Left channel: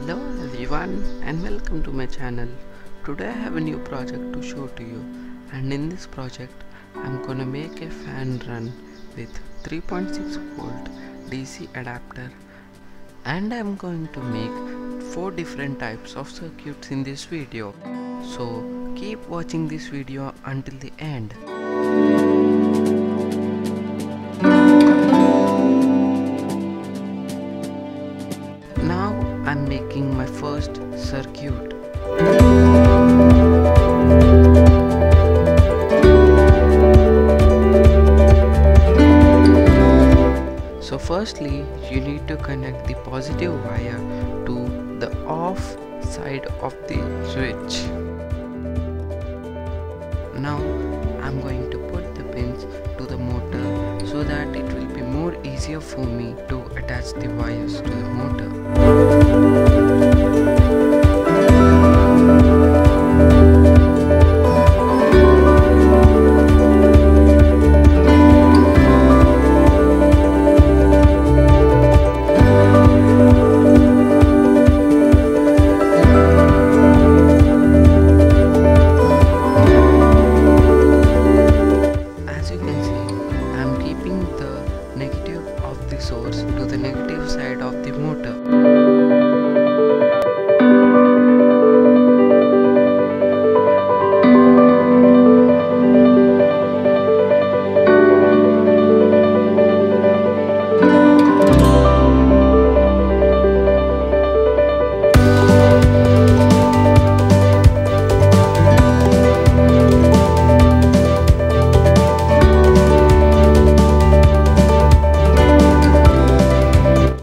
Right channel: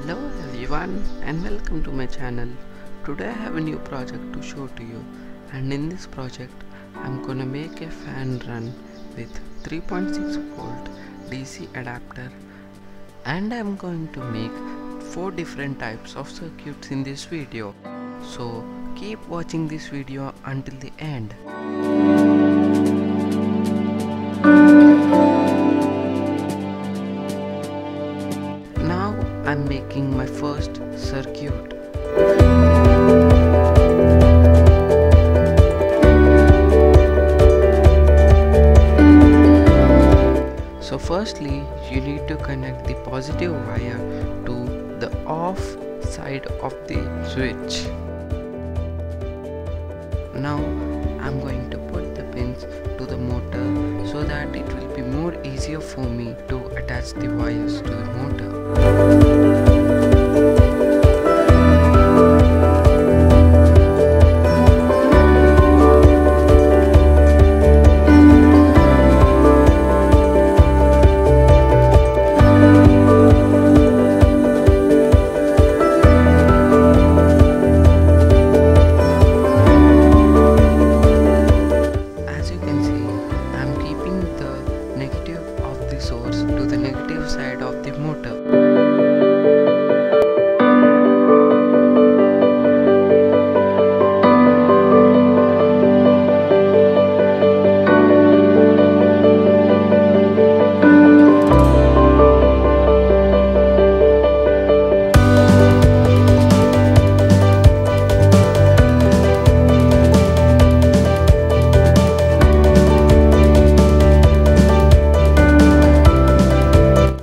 Hello everyone and welcome to my channel. Today I have a new project to show to you, and in this project I'm gonna make a fan run with 3.6 volt DC adapter, and I'm going to make 4 different types of circuits in this video. So keep watching this video until the end. Now I'm making my first circuit. So firstly, you need to connect the positive wire to the off side of the switch. Now I'm going to put the pins to the motor so that it will be more easier for me to attach the wires to the motor. Source to the negative side of the motor.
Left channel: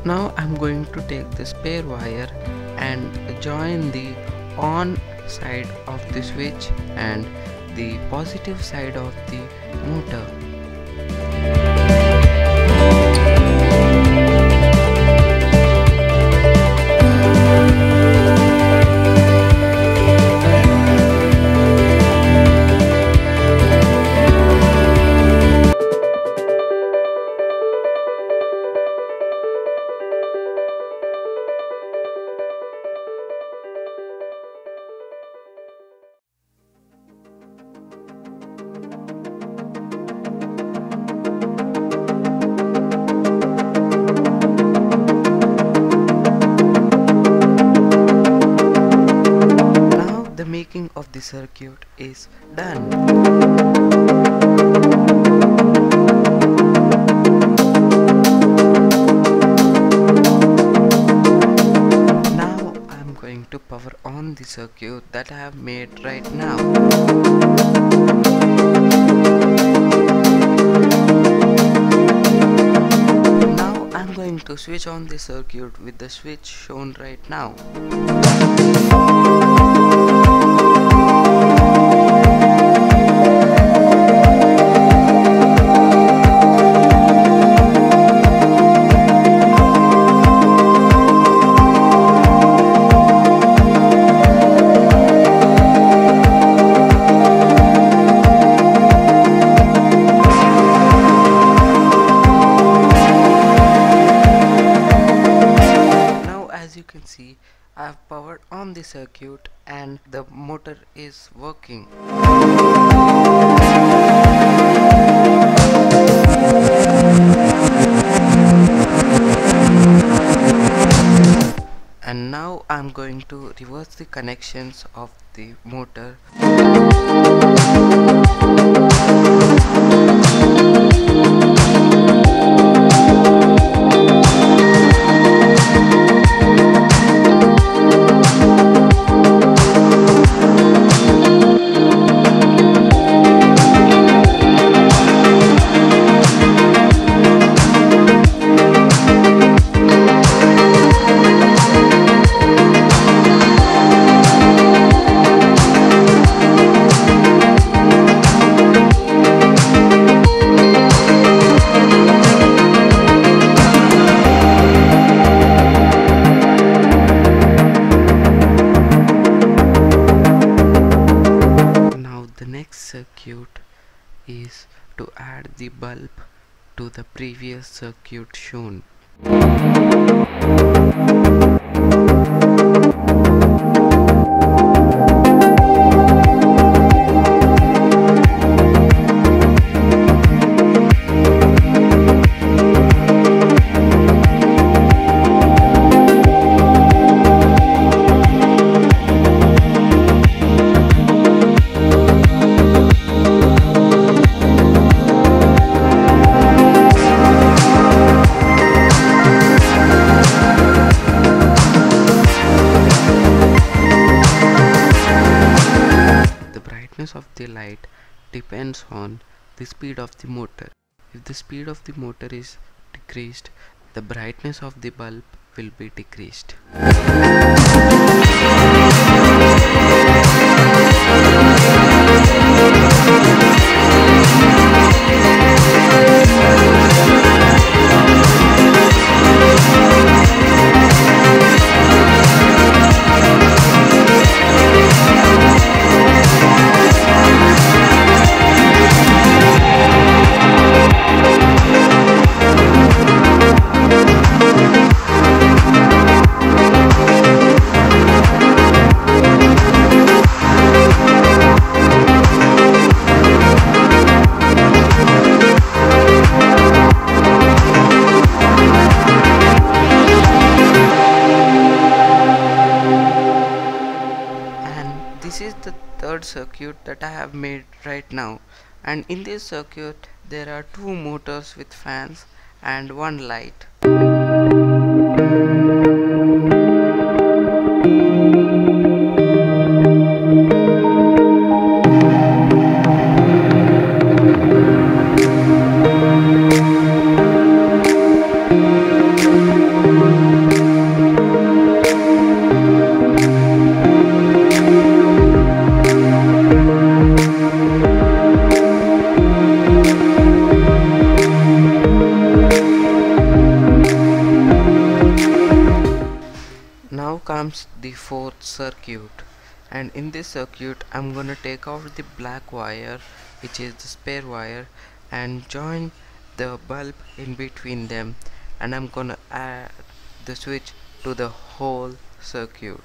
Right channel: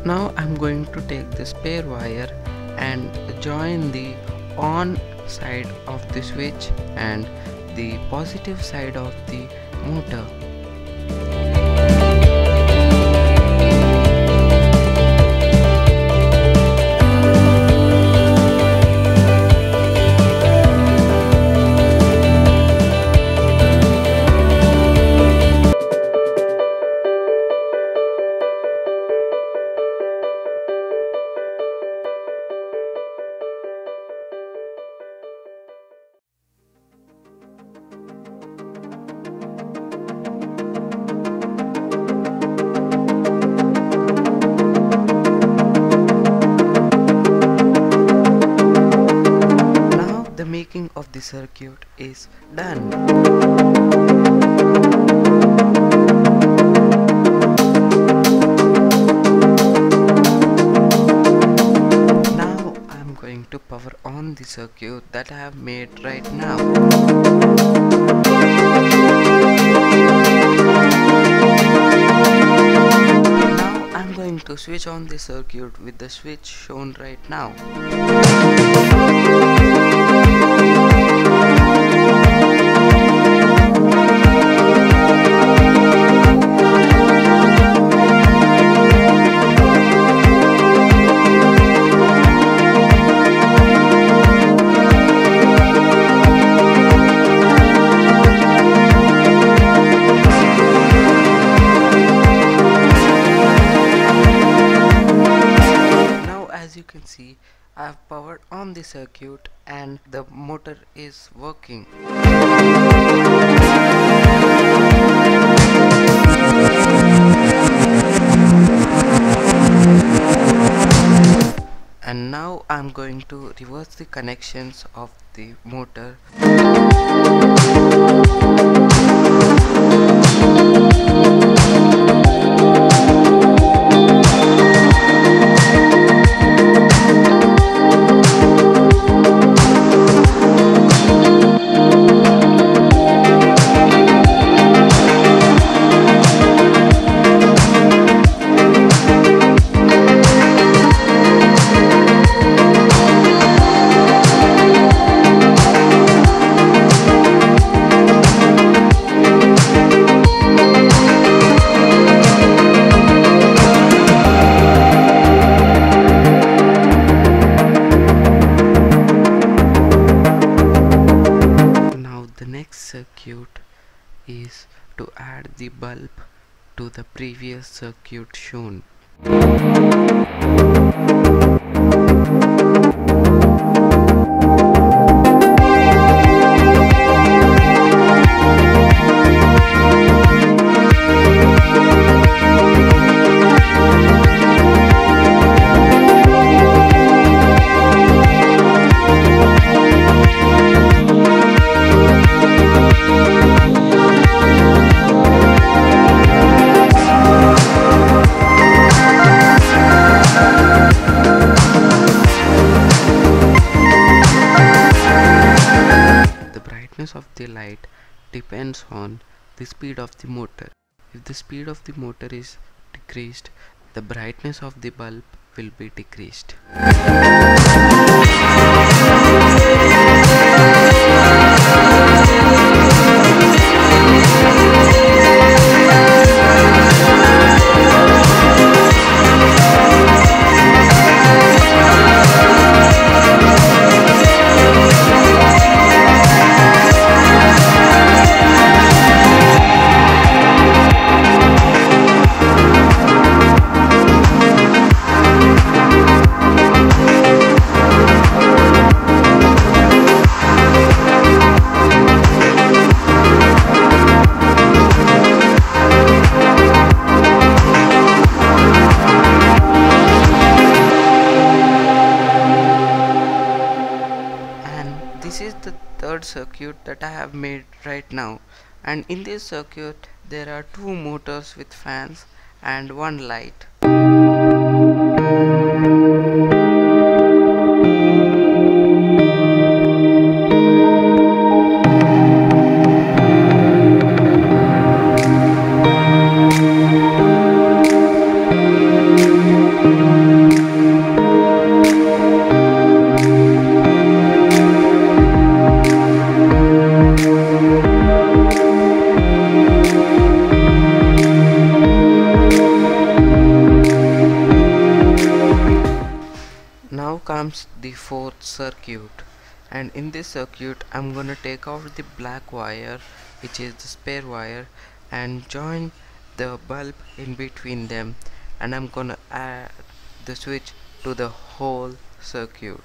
Now I'm going to take the spare wire and join the on side of the switch and the positive side of the motor. The making of the circuit is done. Now I'm going to power on the circuit that I have made right now. Now I'm going to switch on the circuit with the switch shown right now. As you can see, I have powered on the circuit and the motor is working. And now I'm going to reverse the connections of the motor. Circuit is to add the bulb to the previous circuit shown. depends on the speed of the motor. If the speed of the motor is decreased, the brightness of the bulb will be decreased. This is the third circuit that I have made right now, and in this circuit there are two motors with fans and one light. Now comes the fourth circuit, and in this circuit I'm gonna take out the black wire, which is the spare wire, and join the bulb in between them, and I'm gonna add the switch to the whole circuit.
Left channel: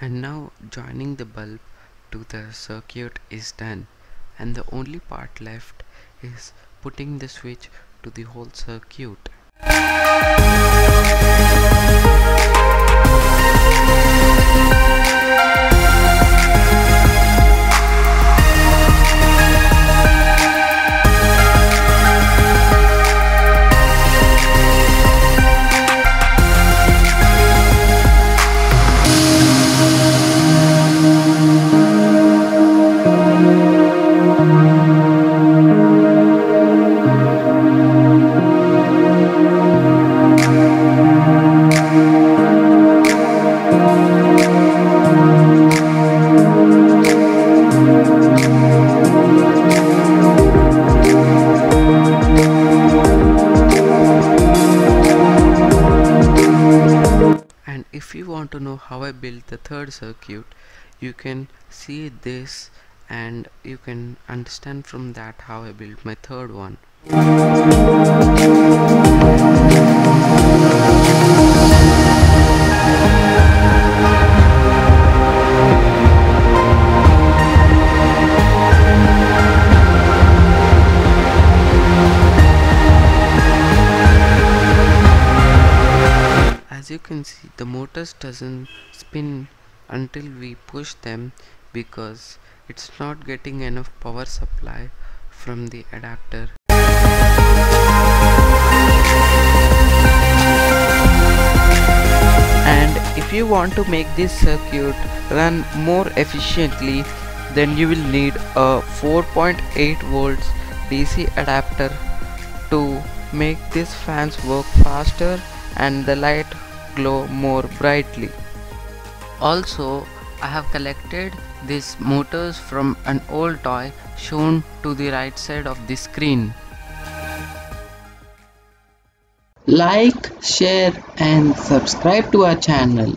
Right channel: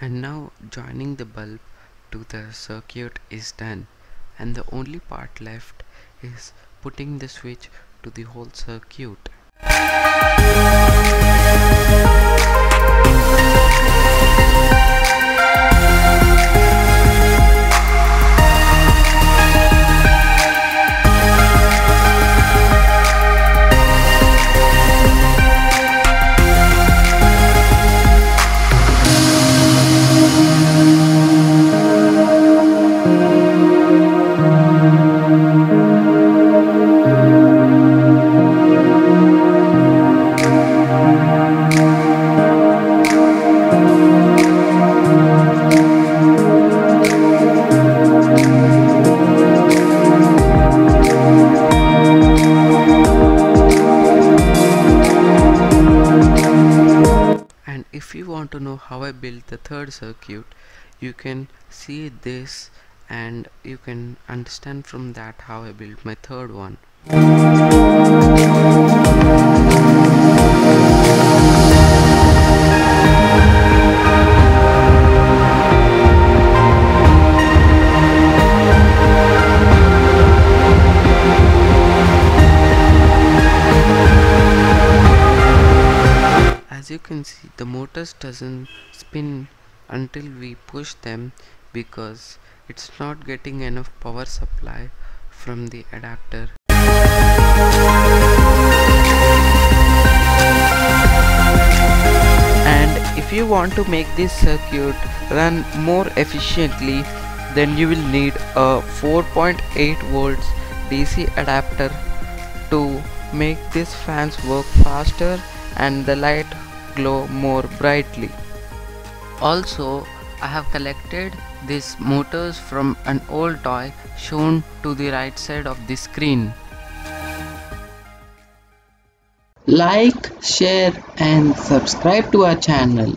And now joining the bulb to the circuit is done, and the only part left is putting the switch to the whole circuit. And if you want to know how I built the third circuit, you can see this and you can understand from that how I built my third one. As you can see, the motors doesn't spin until we push them because it's not getting enough power supply from the adapter. And if you want to make this circuit run more efficiently, then you will need a 4.8 volts DC adapter to make these fans work faster and the light glow more brightly. Also, I have collected these motors from an old toy shown to the right side of the screen. Like, share and subscribe to our channel.